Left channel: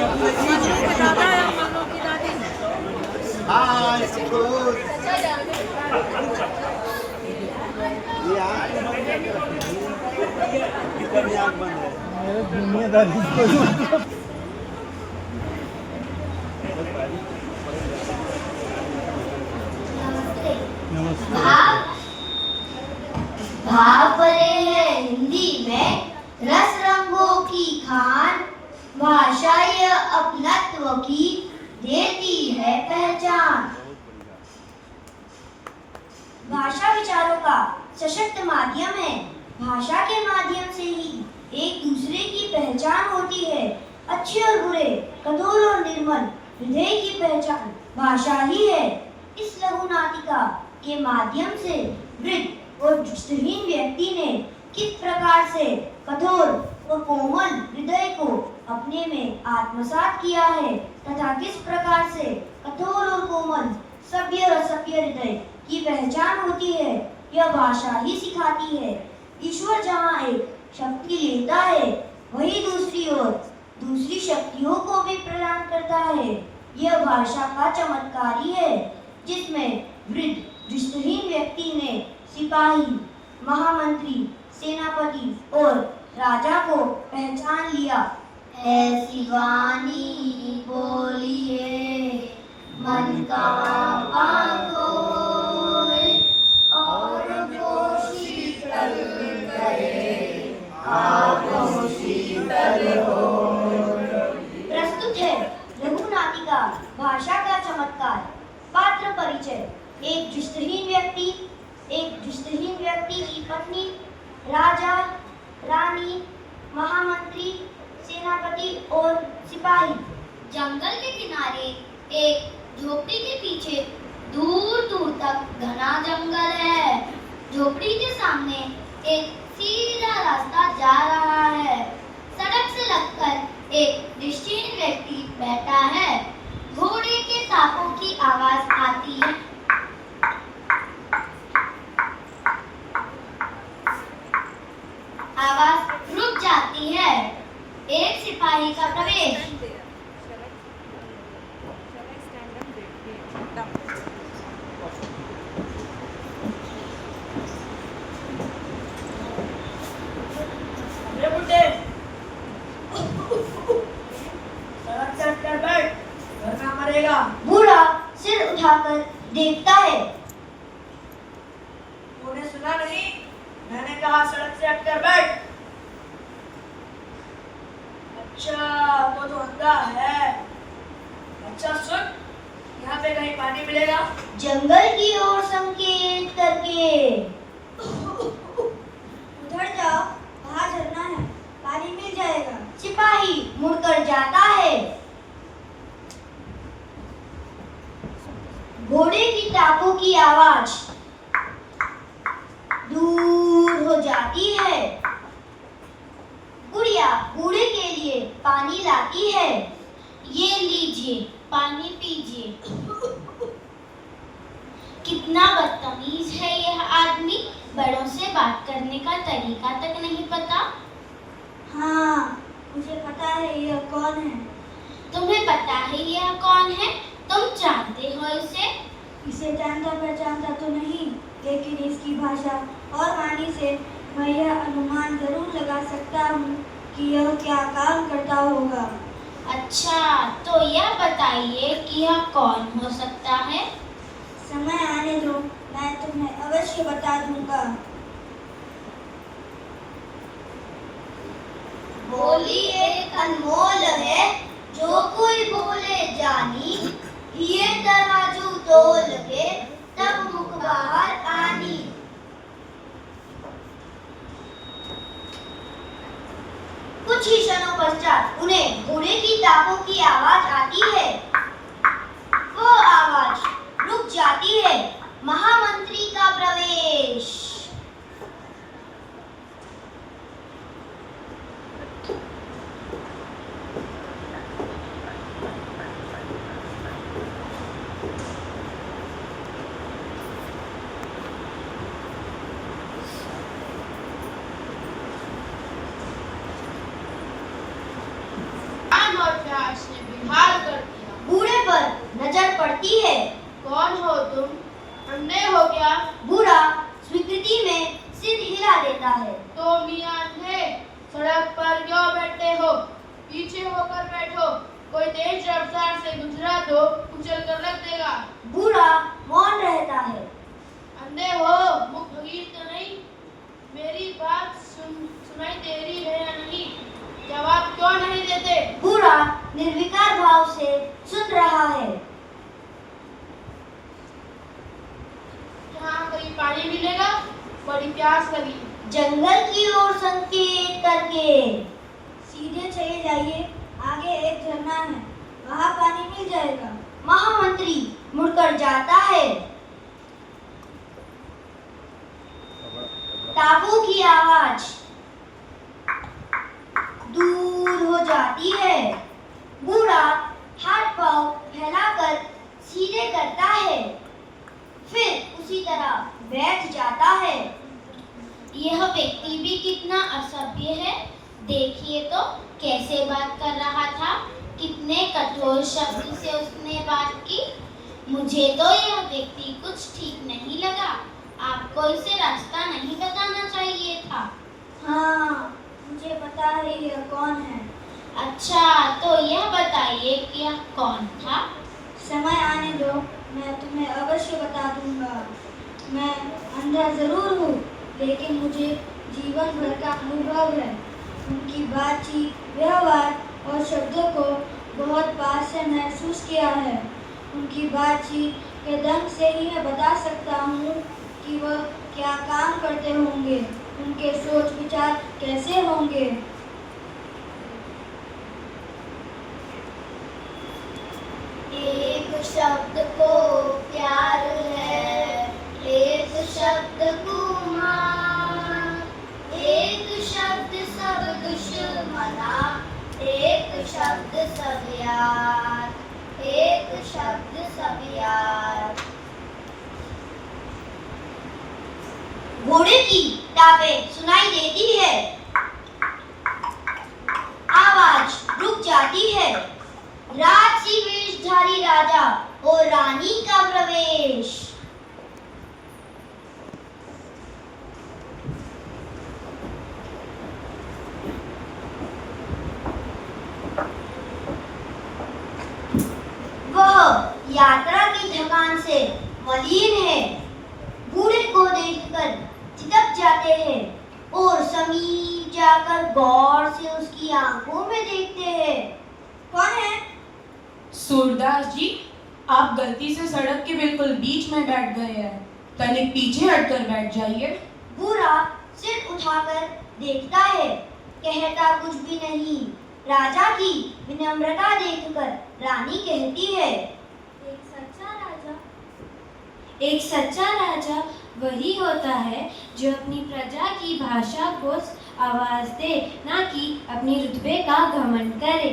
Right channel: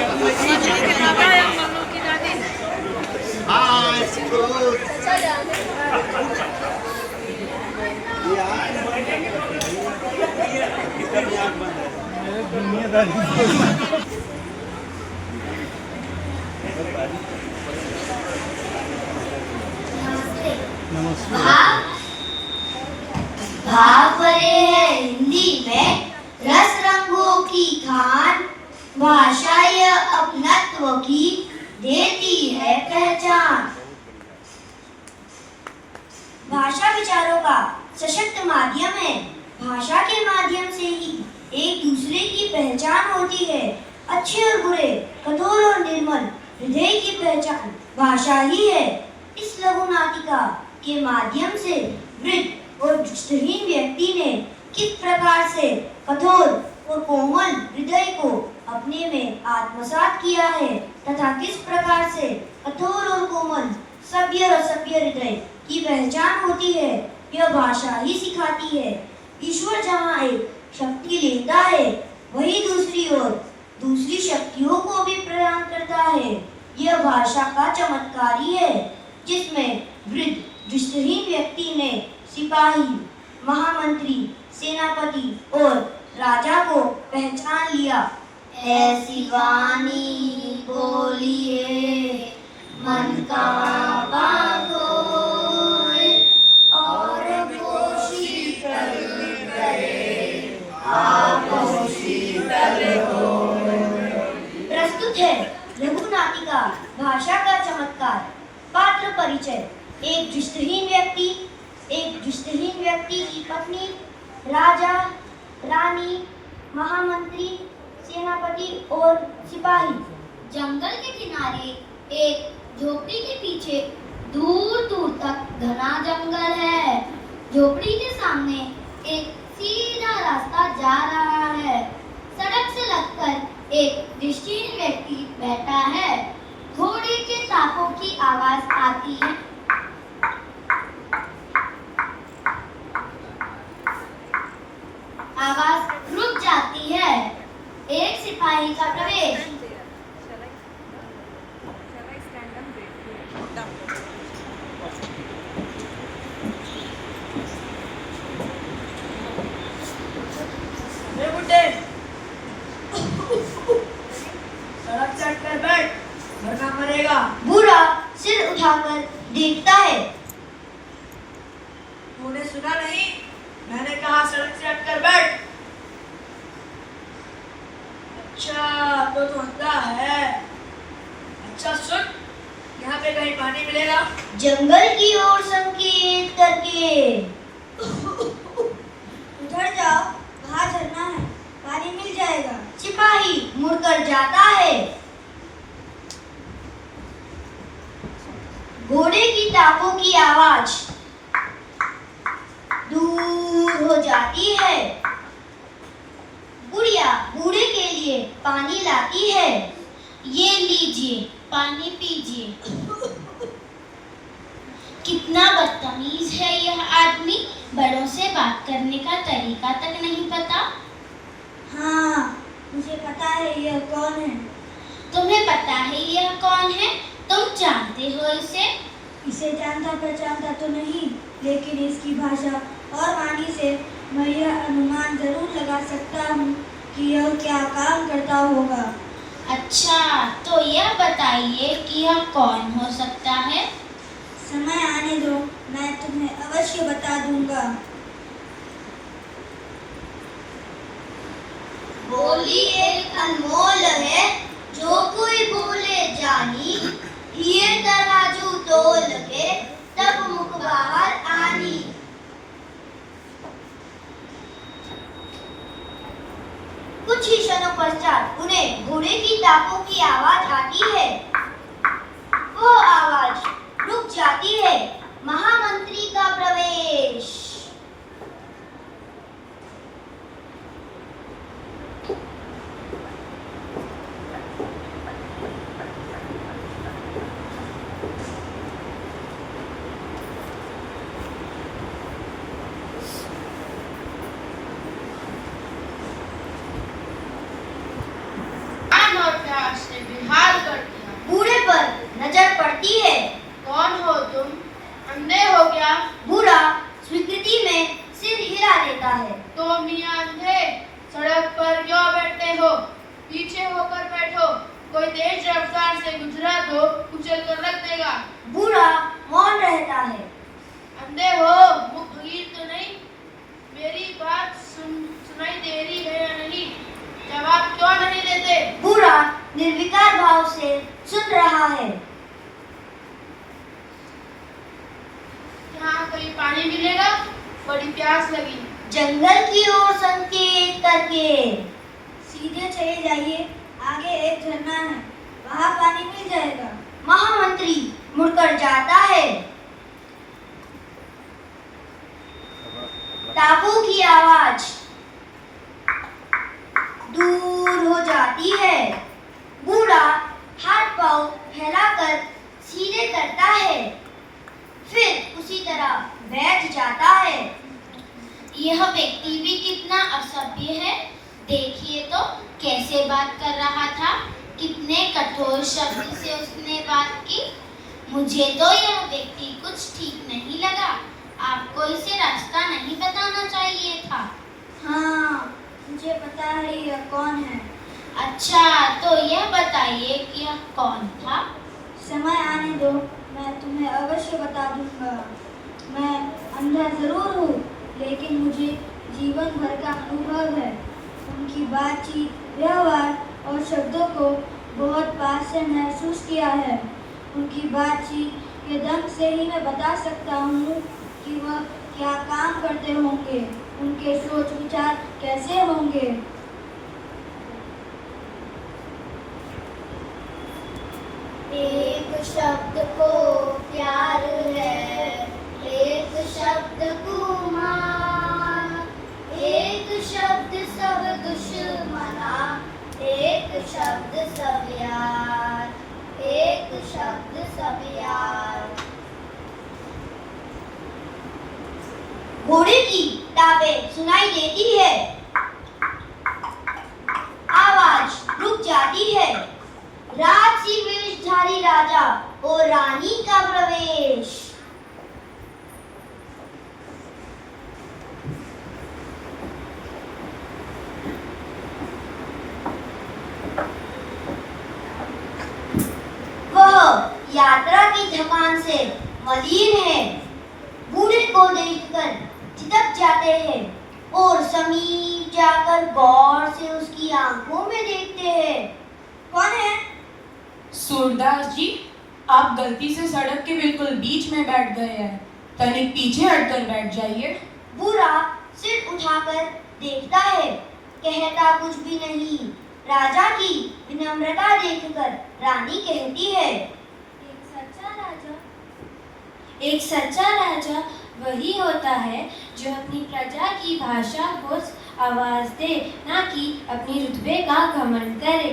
Hi, good. नमस्ते। भाव भरे है हिंदी में रस रंगों की खान, भाषा यह अपनत्व की देती है पहचान। भाषा विचारों का सशक्त माध्यम है। भाषा के माध्यम से ही एक दूसरे की पहचान होती है। अच्छे और बुरे, कठोर और निर्मल हृदय की पहचान भाषा ही है। इस लघु नाटिका के माध्यम से वृद्ध और दृष्टिहीन व्यक्ति ने किस प्रकार से कठोर और कोमल हृदय को अपने में आत्मसात किया है तथा किस प्रकार से कठोर और कोमल सभ्य और सभ्य हृदय की पहचान होती है, यह भाषा ही सिखाती है। ईश्वर जहाँ एक शक्ति लेता है, वही दूसरी ओर दूसरी शक्तियों को भी प्रदान करता है। यह भाषा का चमत्कार ही है, जिसमें वृद्ध दृष्टिहीन व्यक्ति ने सिपाही, महामंत्री, सेनापति और राजा को पहचान लिया। ऐसी वाणी बोलिए मन का बागोए, और कोशी कर करे आपो शीतल होए। प्रस्तुत है लघु नाटिका भाषा का चमत्कार। पात्र परिचय। एक दृष्टिहीन व्यक्ति की पत्नी, राजा, रानी, महामंत्री, सेनापति और सिपाही। जंगल के किनारे एक झोपड़ी के पीछे दूर दूर तक घना जंगल है। झोपड़ी के सामने एक सीधा रास्ता जा रहा है। सड़क से लगकर एक दृष्टिहीन व्यक्ति बैठा है। घोड़े के टापों की आवाज आती है। आवाज रुक जाती है। एक सिपाही का प्रवेश। सड़क से हटकर बैठ, वरना मरेगा। बूढ़ा सिर उठाकर देखता है। तूने सुना नहीं? मैंने कहा सड़क से हटकर बैठ। अच्छा, तो तू अंधा है। अच्छा सुन, यहाँ पे कहीं पानी मिलेगा? जंगल की ओर संकेत करके। उधर जाओ, वहाँ झरना है, पानी मिल जाएगा। सिपाही मुड़कर जाता है। घोड़े की टापों की आवाज दूर हो जाती है। बुढ़िया बूढ़े के लिए पानी लाती है। ये लीजिए, पानी पीजिए। कितना बदतमीज है यह आदमी, बड़ों से बात करने का तरीका तक नहीं पता। हाँ, मुझे पता है यह कौन है। तुम्हें पता है यह कौन है? तुम जानते हो इसे? इसे जानता पहचानता तो नहीं, लेकिन इसकी भाषा और वाणी से मैं यह अनुमान जरूर लगा सकता हूँ कि यह क्या काम करता होगा। अच्छा, तो यह बताइए कि यह कौन हो सकता है? समय आने दो, मैं तुम्हें अवश्य बता दूंगा। बोली एक अनमोल है, जो कोई बोले जानी। ये तराजू तोल के तब मुख बाहर आनी। कुछ ही क्षणों पश्चात उन्हें घोड़े की टापों की आवाज आती है। वो आवाज रुक जाती है। महामंत्री का प्रवेश। पड़ती है। कौन हो तुम? अंधे हो क्या? बूढ़ा स्वीकृति में सिर हिला लेता है। तो मियां अंधे, सड़क पर क्यों बैठते हो? पीछे होकर बैठो, कोई तेज रफ्तार से गुजरा तो कुचल कर रख देगा। बूढ़ा मौन रहता है। अंधे हो, मुख भगीर तो नहीं? मेरी बात सुनाई दे रही है या नहीं? जवाब क्यों नहीं देते? बूढ़ा निर्विकार भाव से सुन रहा है। यहाँ कहीं पानी मिलेगा? बड़ी प्यास लगी। जंगल की ओर संकेत करके सीधे चले जाइए, आगे एक झरना है, वहाँ पानी मिल जाएगा। महामंत्री मुड़कर जाता है। टापू की आवाज दूर हो जाती है। बूढ़ा हाथ पांव फैलाकर सीधे करता है, फिर उसी तरह बैठ जाता है। यह व्यक्ति भी कितना असभ्य है। देखिए तो कैसे बात कर रहा था, कितने कठोर शब्द से उसने बात की। मुझे तो यह व्यक्ति कुछ ठीक नहीं लगा। आपको इसे रास्ता नहीं बताना चाहिए था। हाँ, मुझे पता है यह कौन है। अच्छा, तो यह बताइए कि यह कौन था? समय आने दो, मैं तुम्हें अवश्य बता दूंगा। मैं अंधा जरूर हूँ, लेकिन मुझे जीवन भर का अनुभव है। उनकी बातचीत, व्यवहार और शब्दों को बहुत पास से महसूस किया है। उनकी बातचीत के दम से ही मैं बता सकता हूँ कि वह क्या काम करते होंगे, उनके सोच विचार कैसे होंगे। एक शब्द को प्यार है, एक शब्द गुमान, एक शब्द सब दुश्मना, एक शब्द सब यार, एक शब्द सब यार। घोड़े की टापें सुनाई देती है। आवाज रुक जाती है। राजसी वेशधारी राजा और रानी का प्रवेश। वह यात्रा की थकान से मलिन है। बूढ़े को देखकर चितक जाते हैं और समीप जाकर गौर से उसकी आंखों में देखते हैं। कौन है? सूरदास जी, आप गलती से सड़क के बिल्कुल बीच में बैठ गए हैं। तनिक पीछे हटकर बैठ जाइए। बूढ़ा सिर उठाकर देखता है, कहता कुछ भी नहीं। राजा की विनम्रता देखकर रानी कहती है, एक सच्चा राजा वही होता है जो अपनी प्रजा की भाषा को आवाज दे, ना कि अपनी रुतबे का घमंड करे।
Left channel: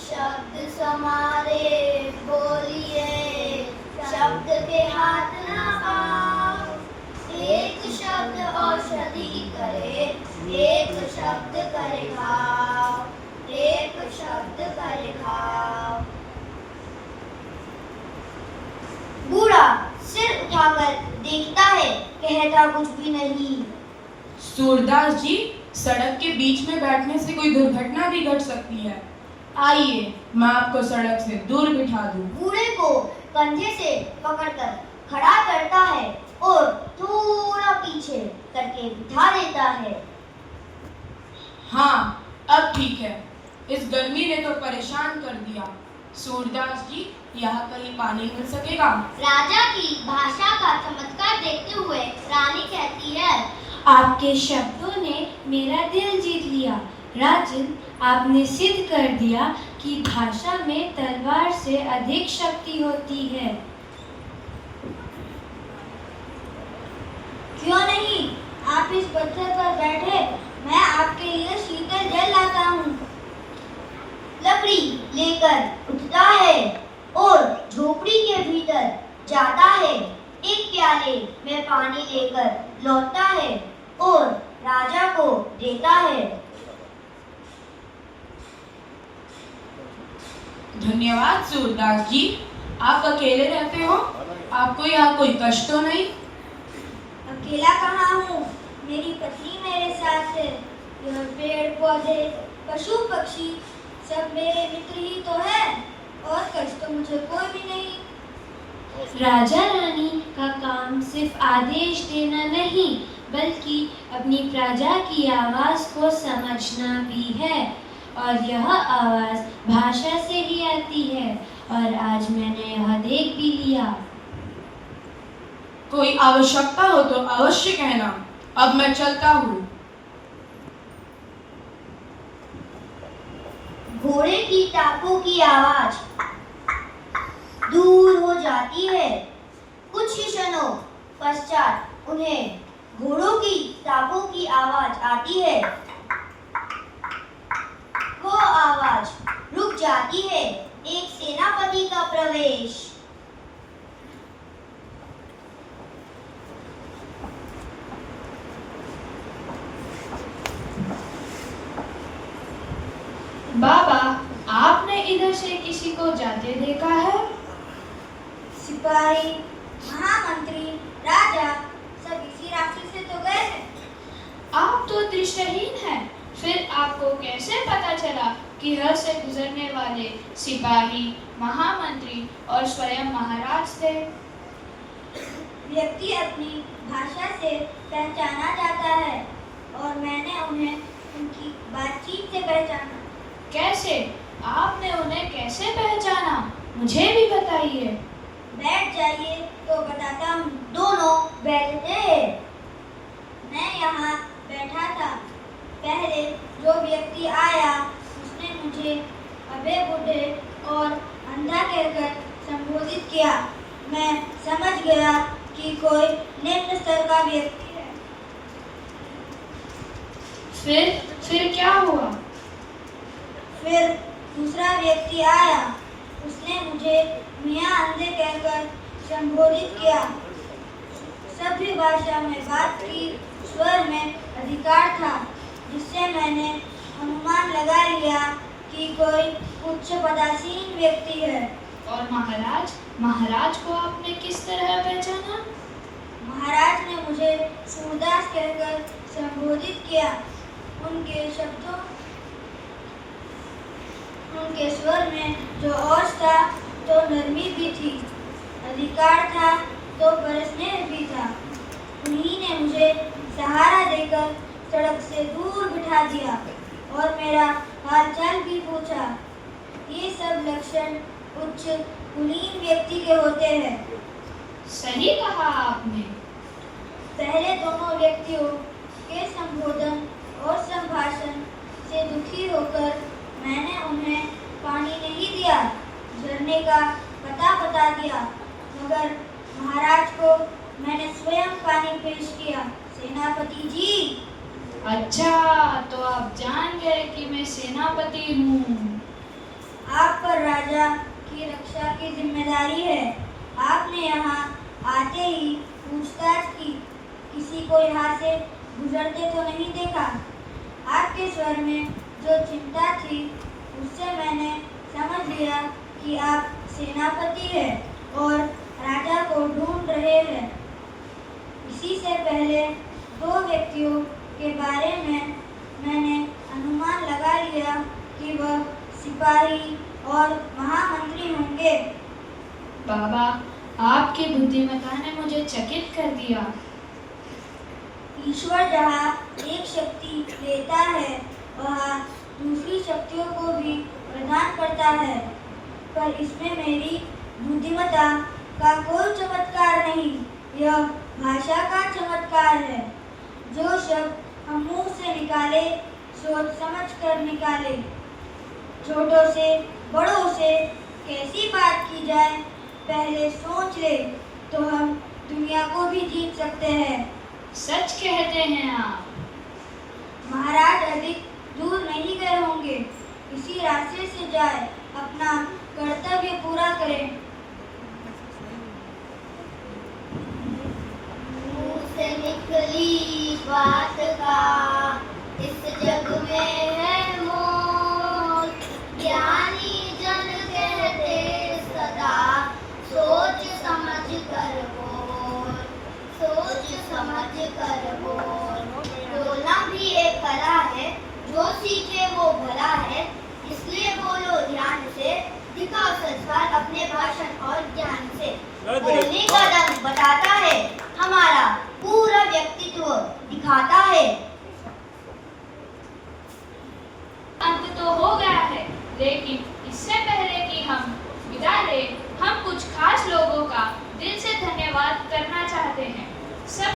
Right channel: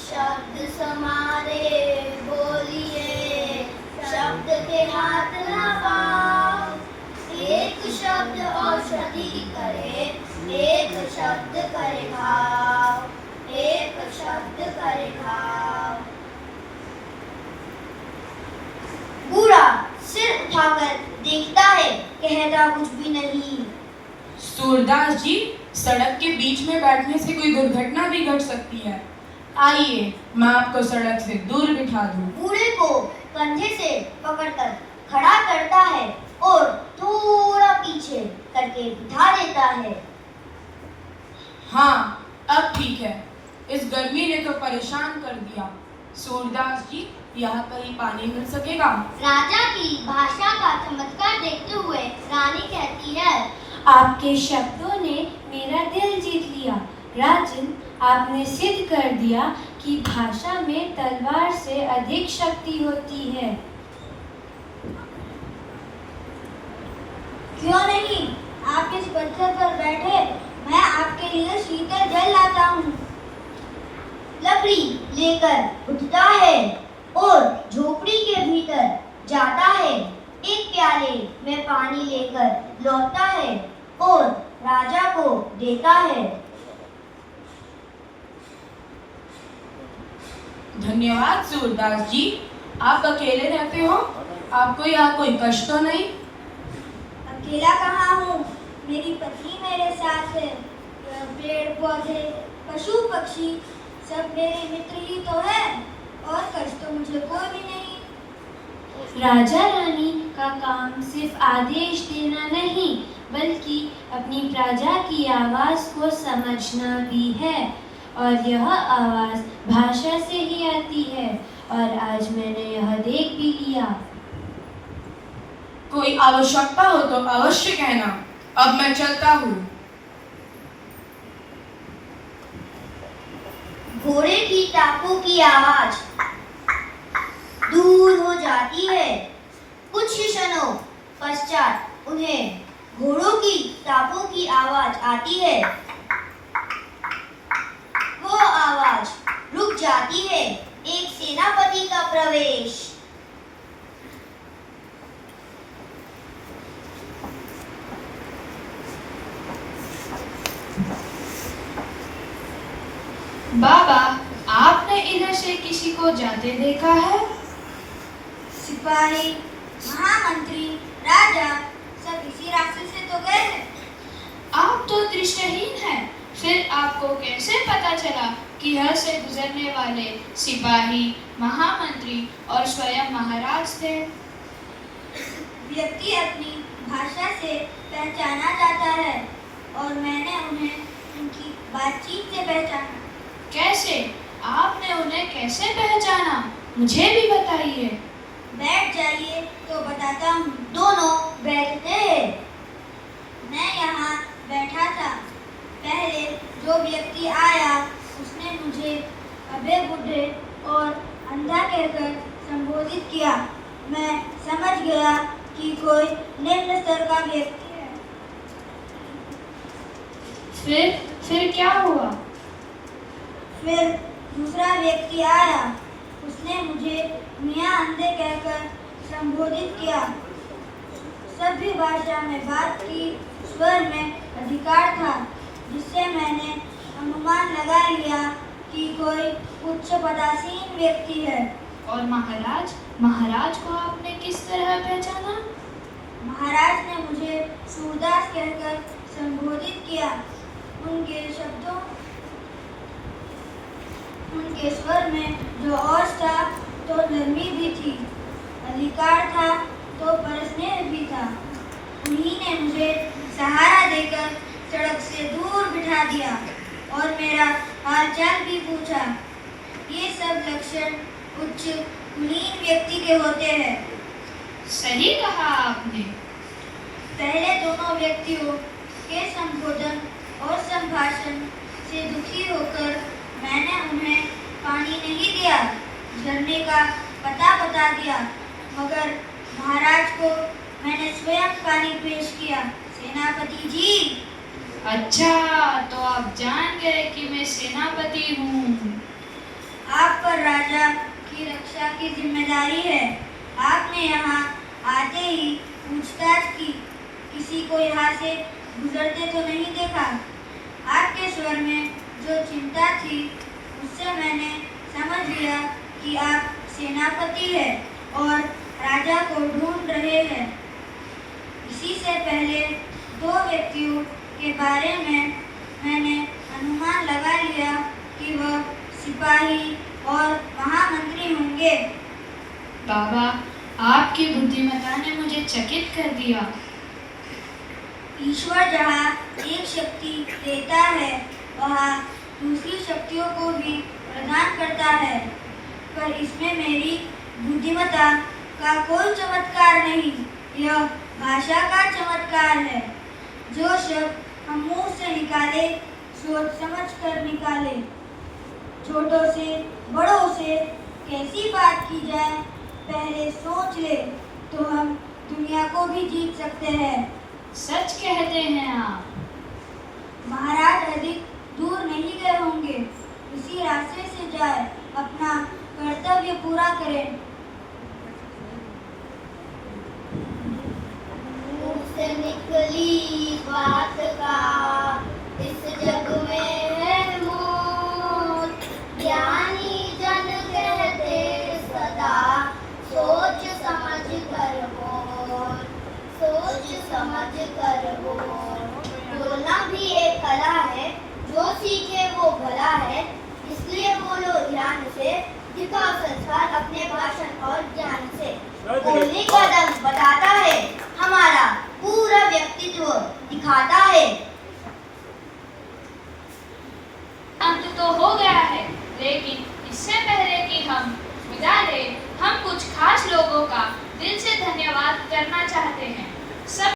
शब्द समारे बोलिए, शब्द के हाथ ना पाओ। एक शब्द औषधि करे, एक शब्द करे घाव, एक शब्द करे घाव। बूढ़ा सिर उठाकर देखता है, कहता कुछ भी नहीं। सूरदास जी, सड़क के बीच में बैठने से कोई दुर्घटना भी घट सकती है। आइए, मैं आपको सड़क से दूर बिठा दूं। बूढ़े को कंधे से पकड़कर खड़ा करता है और थोड़ा पीछे करके बिठा देता है। हाँ, अब ठीक है। इस गर्मी ने तो परेशान कर दिया। सूरदास जी, यहाँ कहीं पानी मिल सकेगा? राजा की भाषा का चमत्कार देखते हुए रानी कहती है, आपके शब्दों ने मेरा दिल जीत लिया। राजन, आपने सिद्ध कर दिया कि भाषा में तलवार से अधिक शक्ति होती है। क्यों नहीं, आप इस पत्थर पर बैठे, मैं आपके लिए शीतल जल लाता हूँ। लकड़ी लेकर उठता है और झोपड़ी के भीतर जाता है। एक प्याले में पानी लेकर लौटता है और राजा को देता है। धन्यवाद सूरदास जी। आप अकेले रहते हो? आपको यहाँ कोई कष्ट तो नहीं? अकेला कहाँ हूँ, मेरी पत्नी मेरे साथ है। यह पेड़ पौधे पशु पक्षी सब मेरे मित्र ही तो है, और कष्ट तो मुझे कोई भी नहीं। राजा रानी का काम सिर्फ आदेश देना नहीं, बल्कि अपनी प्रजा की आवाज को समझना भी है, और यह आवाज भाषा से ही आती है, और आज मैंने यह देख भी लिया। कोई आवश्यकता हो तो अवश्य कहना। अब मैं चलता हूँ। घोड़े की टापों की आवाज दूर हो जाती है। कुछ ही क्षणों पश्चात उन्हें घोड़ों की टापों की आवाज आती है। वो आवाज रुक जाती है। एक सेनापति का प्रवेश। बाबा, आपने इधर से किसी को जाते देखा है? सिपाही, महामंत्री, राजा सब इसी रास्ते से तो गए हैं। आप तो दृष्टिहीन हैं, फिर आपको कैसे पता चला कि यहाँ से गुजरने वाले सिपाही, महामंत्री और स्वयं महाराज थे? व्यक्ति अपनी भाषा से पहचाना जाता है, और मैंने उन्हें उनकी बातचीत से पहचाना। कैसे? आपने उन्हें कैसे पहचाना? मुझे भी बताइए। बैठ जाइए तो बताता हूँ। दोनों बैठते हैं। मैं यहाँ बैठा था। पहले जो व्यक्ति आया उसने मुझे अबे बूढ़े और अंधा कहकर संबोधित किया। मैं समझ गया कि कोई निम्न स्तर का व्यक्ति है। फिर क्या हुआ? फिर दूसरा व्यक्ति आया। उसने मुझे मियाँ अंधे कहकर संबोधित किया। सभ्य भाषा में बात की, स्वर में अधिकार था, जिससे मैंने अनुमान लगा लिया कि कोई उच्च पदासीन व्यक्ति है। और महाराज को आपने किस तरह पहचाना? महाराज ने मुझे सूरदास कहकर संबोधित किया। उनके शब्दों, उनके स्वर में जो ओज था तो नरमी भी थी, अधिकार था तो परस्नेह भी था। उन्हीं ने मुझे सहारा देकर सड़क से दूर बिठा दिया और मेरा हालचाल भी पूछा। ये सब लक्षण उच्च कुलीन व्यक्ति के होते हैं। सही कहा आपने। पहले दोनों व्यक्तियों के संबोधन और संभाषण से दुखी होकर मैंने उन्हें पानी नहीं दिया, झरने का पता बता दिया, मगर महाराज को मैंने स्वयं पानी पेश किया। सेनापति जी। अच्छा, तो आप जान गए कि मैं सेनापति हूँ। आप पर राजा की रक्षा की जिम्मेदारी है। आपने यहाँ आते ही पूछताछ की, किसी को यहाँ से गुजरते तो नहीं देखा। आपके स्वर में जो चिंता थी उससे मैंने समझ लिया कि आप सेनापति हैं और राजा को ढूंढ रहे हैं। इसी से पहले दो व्यक्तियों के बारे में मैंने अनुमान लगा लिया कि वह सिपाही और महामंत्री होंगे। बाबा, आपकी बुद्धिमत्ता ने मुझे चकित कर दिया। ईश्वर जहाँ एक शक्ति देता है, वहाँ दूसरी शक्तियों को भी प्रदान करता है, पर इसमें मेरी बुद्धिमत्ता का कोई चमत्कार नहीं। यह भाषा का चमत्कार है। जो शब्द हम मुंह से निकाले, सोच समझ कर निकाले। छोटों से बड़ों से कैसी बात की जाए, पहले सोच ले तो हम दुनिया को भी जीत सकते हैं। सच कहते हैं आप। महाराज अधिक दूर नहीं गए होंगे। इसी रास्ते से जाए, अपना कर्तव्य पूरा करें। मुंह से निकली बात का इस जग में है मोल, ज्ञानी जन के सोच समझ कर बोल। बोलना भी एक कला है, जो सीखे वो भला है, इसलिए बोलो ध्यान से, दिखाओ संस्कार अपने भाषण और ज्ञान से। बोलने का रंग बताता है, हमारा पूरा व्यक्तित्व दिखाता है। अंत तो हो गया है, लेकिन इससे पहले कि हम विदा लें, हम कुछ खास लोगों का दिल से धन्यवाद करना चाहते हैं। सब